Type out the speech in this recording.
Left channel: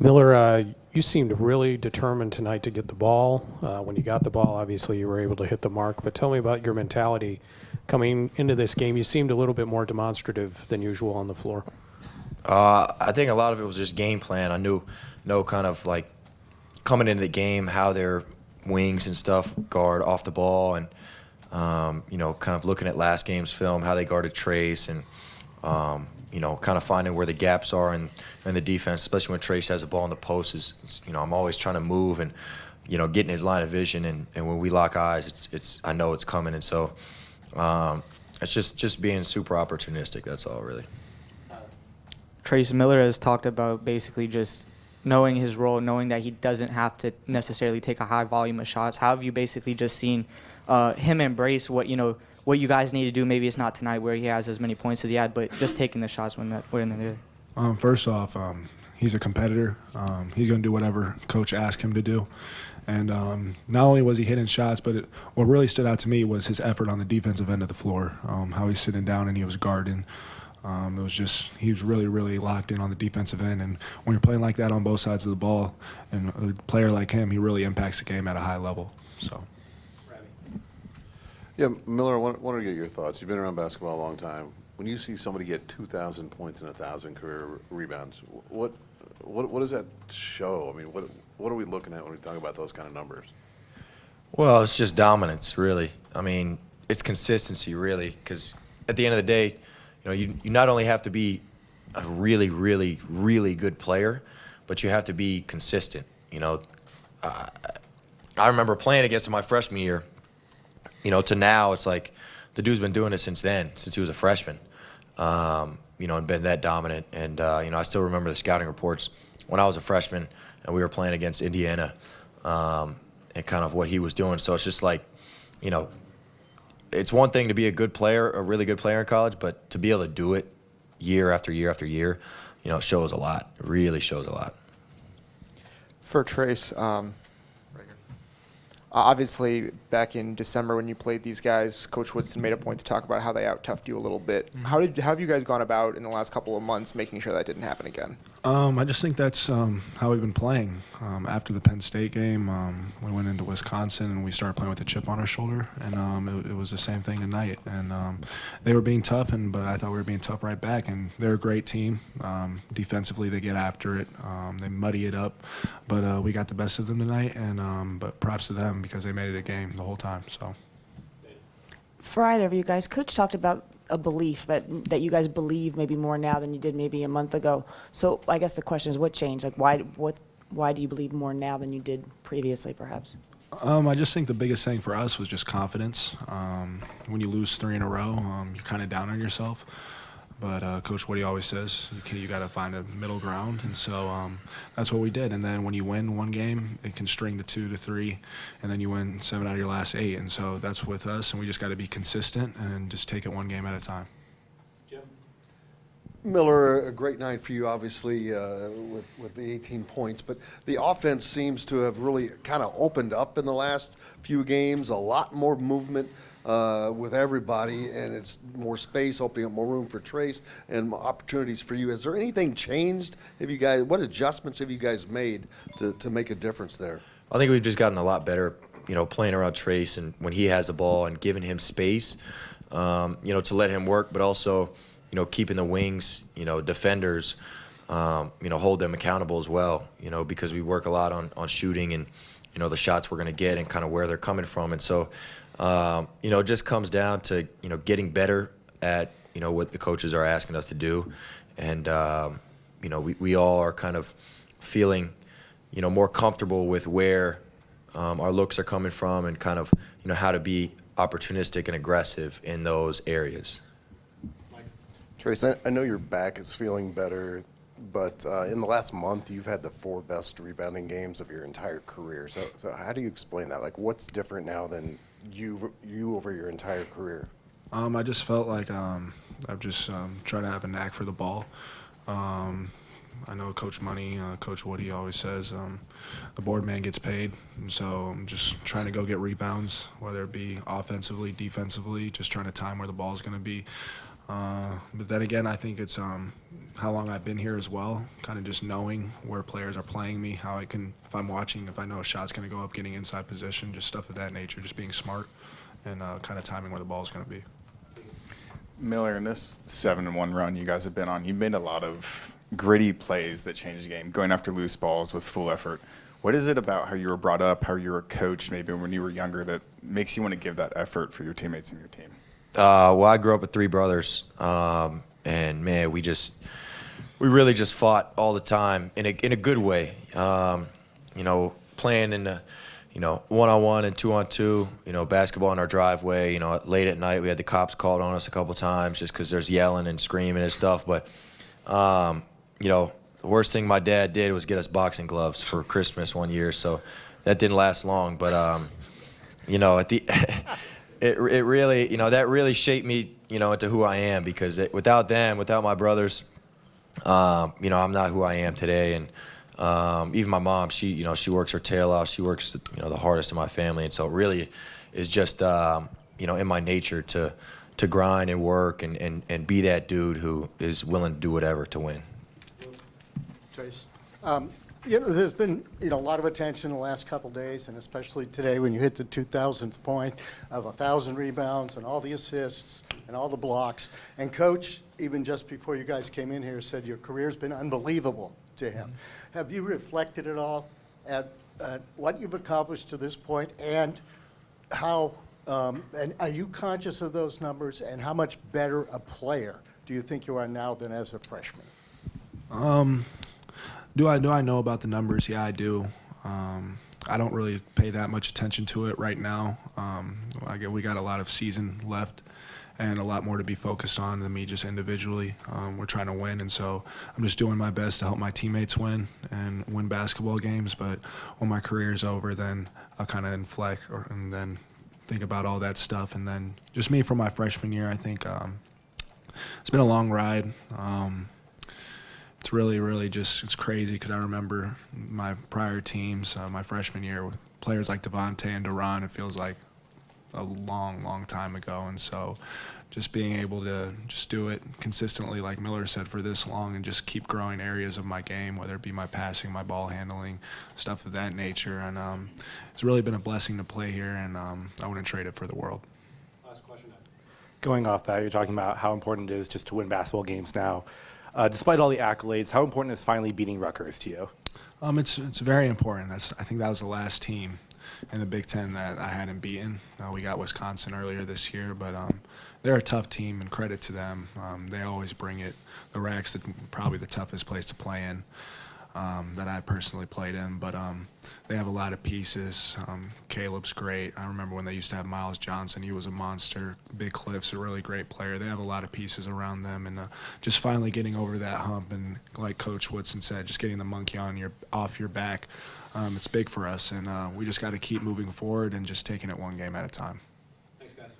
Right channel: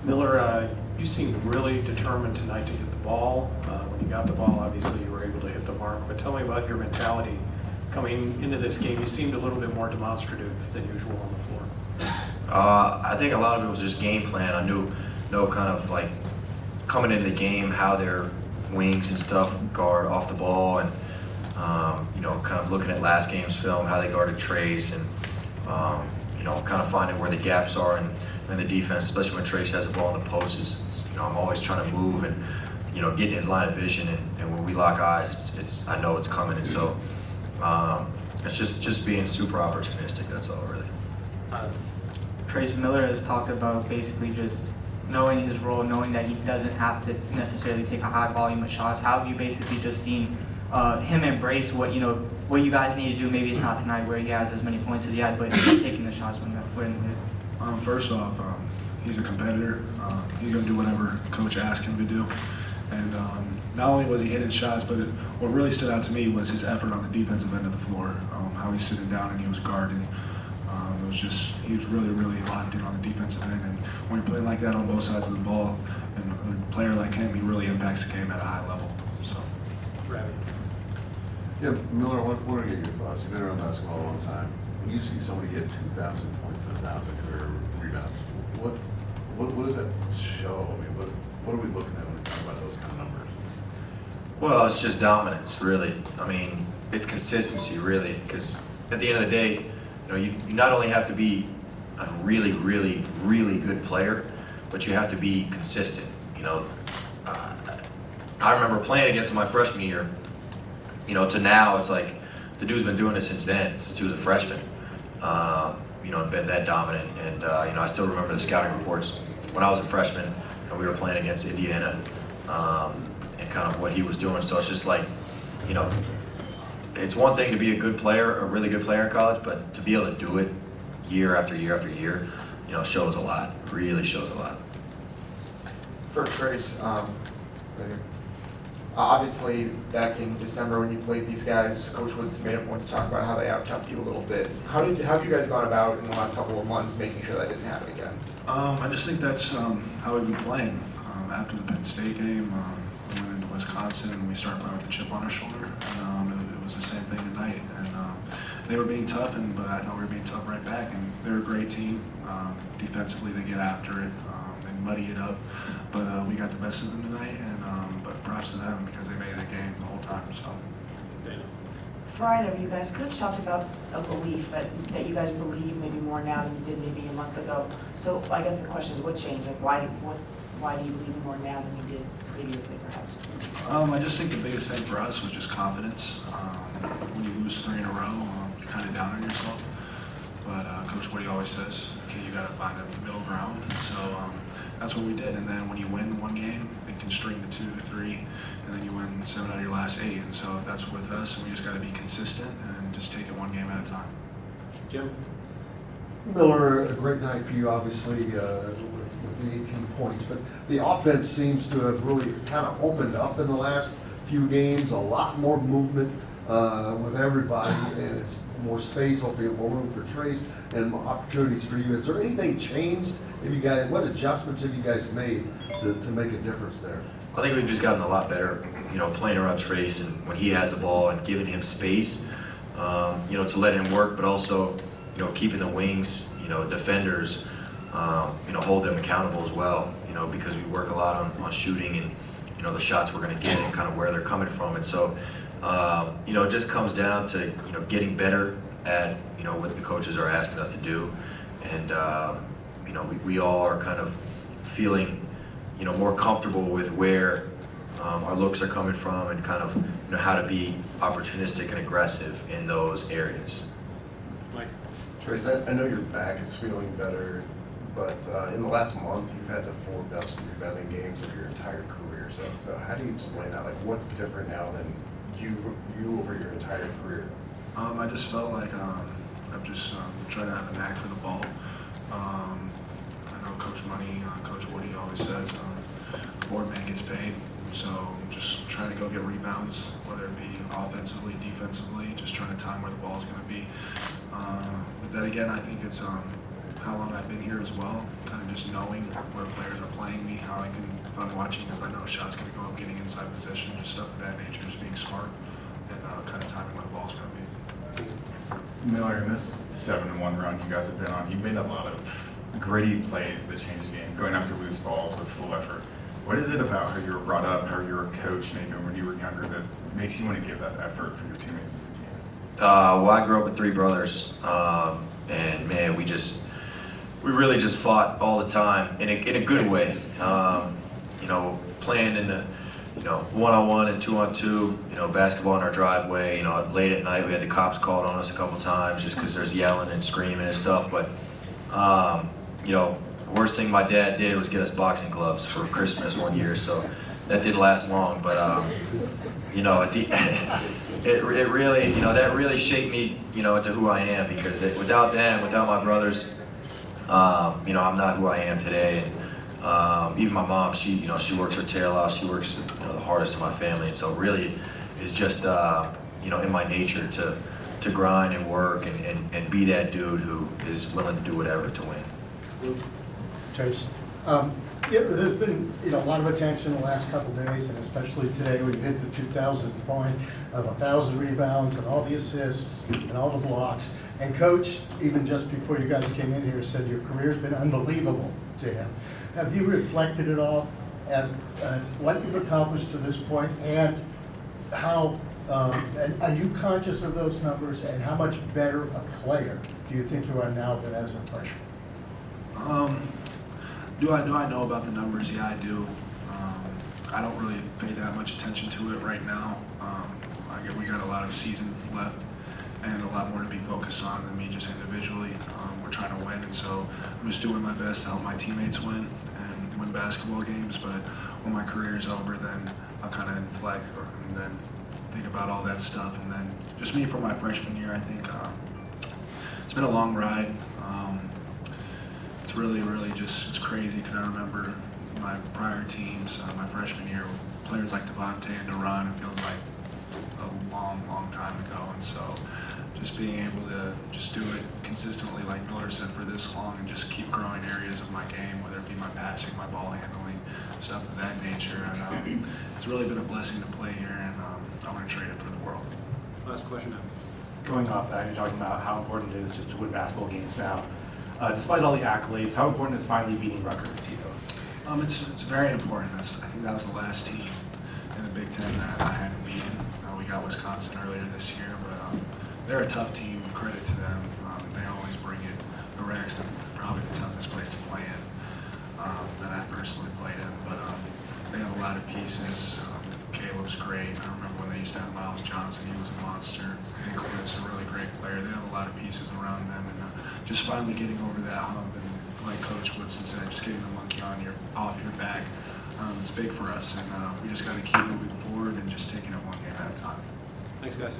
Miller, you seemed really determined tonight to get the ball. When you got the ball, obviously you were able to hit the mark. But tell me about your mentality coming into this game. You seemed a little bit more demonstrative than usual on the floor. I think a lot of it was just game plan. I know kind of like coming into the game how their wings and stuff guard off the ball, and kind of looking at last game's film, how they guarded Trayce, and kind of finding where the gaps are in the defense, especially when Trayce has the ball in the post. I'm always trying to move and getting his line of vision, and when we lock eyes, it's I know it's coming, and so it's just being super opportunistic. That's all really. Trayce Miller has talked about basically just knowing his role, knowing that he doesn't have to necessarily take a high volume of shots. How have you basically just seen him embrace what you guys need to do? Maybe it's not tonight where he has as many points as he had, but just taking the shots when hit. First off, he's a competitor. He's going to do whatever coach asks him to do. And not only was he hitting shots, but what really stood out to me was his effort on the defensive end of the floor, how he's sitting down and he was guarding. He was really, really locked in on the defensive end. And when you're playing like that on both sides of the ball, and a player like him, he really impacts the game at a high level. So. Yeah, Miller, I wanted to get your thoughts. You've been around basketball a long time. When you see somebody get 2,000 points and 1,000 career rebounds, what does that show? I mean, what are we looking at when we talk about those kind of numbers? Well, it's just dominance, really. I mean, it's consistency, really, because at the end of the day, you not only have to be a really, really, really good player, but you have to be consistent. I remember playing against him my freshman year. To now, it's like the dude's been doing this since he was a freshman. And been that dominant. And I still remember the scouting reports when I was a freshman and we were playing against Indiana, and kind of what he was doing. So it's just like, it's one thing to be a good player, a really good player in college, but to be able to do it year after year after year, shows a lot. It really shows a lot. For Trayce, obviously back in December when you played these guys, Coach Woodson made a point to talk about how they out-toughed you a little bit. How have you guys gone about in the last couple of months making sure that didn't happen again? I just think that's how we've been playing. After the Penn State game, we went into Wisconsin and we started playing with a chip on our shoulder, and it was the same thing tonight. And they were being tough, but I thought we were being tough right back. And they're a great team. Defensively, they get after it and muddy it up. But we got the best of them tonight, and but props to them because they made it a game the whole time. So. For either of you guys, Coach talked about a belief that you guys believe maybe more now than you did maybe a month ago. So I guess the question is, what changed? Like, why do you believe more now than you did previously, perhaps? I just think the biggest thing for us was just confidence. When you lose 3 in a row, you're kind of down on yourself. But Coach Woody always says, okay, you got to find a middle ground. And so that's what we did. And then when you win one game, it can string to 2 to 3, and then you win 7 out of your last 8. And so that's with us, and we just got to be consistent and just take it one game at a time. Jim? Miller, a great night for you, obviously, with the 18 points. But the offense seems to have really kind of opened up in the last few games. A lot more movement with everybody, and it's more space, opening up more room for Trayce and more opportunities for you. Has there anything changed? What adjustments have you guys made to make a difference there? I think we've just gotten a lot better, playing around Trayce and when he has the ball and giving him space, to let him work, but also, keeping the wings, defenders, hold them accountable as well, because we work a lot on shooting and, the shots we're going to get and kind of where they're coming from. And so, it just comes down to, getting better at, what the coaches are asking us to do. And, we all are kind of feeling, more comfortable with where our looks are coming from and kind of, how to be opportunistic and aggressive in those areas. Trayce, I know your back is feeling better, but in the last month you've had the 4 best rebounding games of your entire career. So how do you explain that? Like, what's different now than you over your entire career? I just felt like I'm just trying to have a knack for the ball. I know Coach Money, Coach Woody always says the board man gets paid. And so I'm just trying to go get rebounds, whether it be offensively, defensively, just trying to time where the ball's going to be. But then again, I think it's how long I've been here as well, kind of just knowing where players are playing me, how I can, if I'm watching, if I know a shot's going to go up, getting inside position, just stuff of that nature, just being smart and kind of timing where the ball's going to be. Miller, in this 7-1 run you guys have been on, you made a lot of gritty plays that changed the game, going after loose balls with full effort. What is it about how you were brought up, how you were coached maybe when you were younger that makes you want to give that effort for your teammates and your team? Well, I grew up with 3 brothers, and man, we really just fought all the time in a good way. You know, playing in a 1-on-1 and 2-on-2, you know, basketball in our driveway. You know, late at night we had the cops called on us a couple times just because there's yelling and screaming and stuff. But you know, the worst thing my dad did was get us boxing gloves for Christmas one year, so that didn't last long. But you know, at the it really, you know, that really shaped me, you know, into who I am, because without them, without my brothers, you know, I'm not who I am today. And even my mom, she works her tail off. She works, you know, the hardest in my family, and so it really is just, you know, in my nature to grind and work and be that dude who is willing to do whatever to win. Trayce, there's been a lot of attention the last couple days, and especially today when you hit the 2,000th point of 1,000 rebounds and all the assists and all the blocks. And Coach, even just before you guys came in here, said your career's been unbelievable to him. Have you reflected at all at what you've accomplished to this point, and how, and are you conscious of those numbers, and how much better a player do you think you are now than as a freshman? Do I know about the numbers? Yeah, I do. I don't really pay that much attention to it right now. We got a lot of season left and a lot more to be focused on than me just individually. We're trying to win, and so I'm just doing my best to help my teammates win and win basketball games. But when my career's over, then I'll kind of inflect and then think about all that stuff. And then just me for my freshman year, I think it's been a long ride. It's really just, it's crazy because I remember my prior teams, my freshman year, players like Devontae and Duran, it feels like a long time ago. And so just being able to just do it consistently, like Miller said, for this long, and just keep growing areas of my game, whether it be my passing, my ball handling, stuff of that nature. And it's really been a blessing to play here, and I want to trade it for the world. Last question. Going off that, you're talking about how important it is just to win basketball games now. Despite all the accolades, how important is finally beating Rutgers to you? It's very important. I think that was the last team in the Big Ten that I hadn't beaten. We got Wisconsin earlier this year, but they're a tough team. Credit to them. They always bring it. The Rex, probably the toughest place to play in that I personally played in, but they have a lot of pieces. Caleb's great. I remember when they used to have Miles Johnson. He was a monster. Big Cliff's a really great player. They have a lot of pieces around them, and just finally getting over that hump, and like Coach Woodson said, just getting the monkey off your back. It's big for us, and we just got to keep moving forward and just taking it one game at a time. Thanks, guys.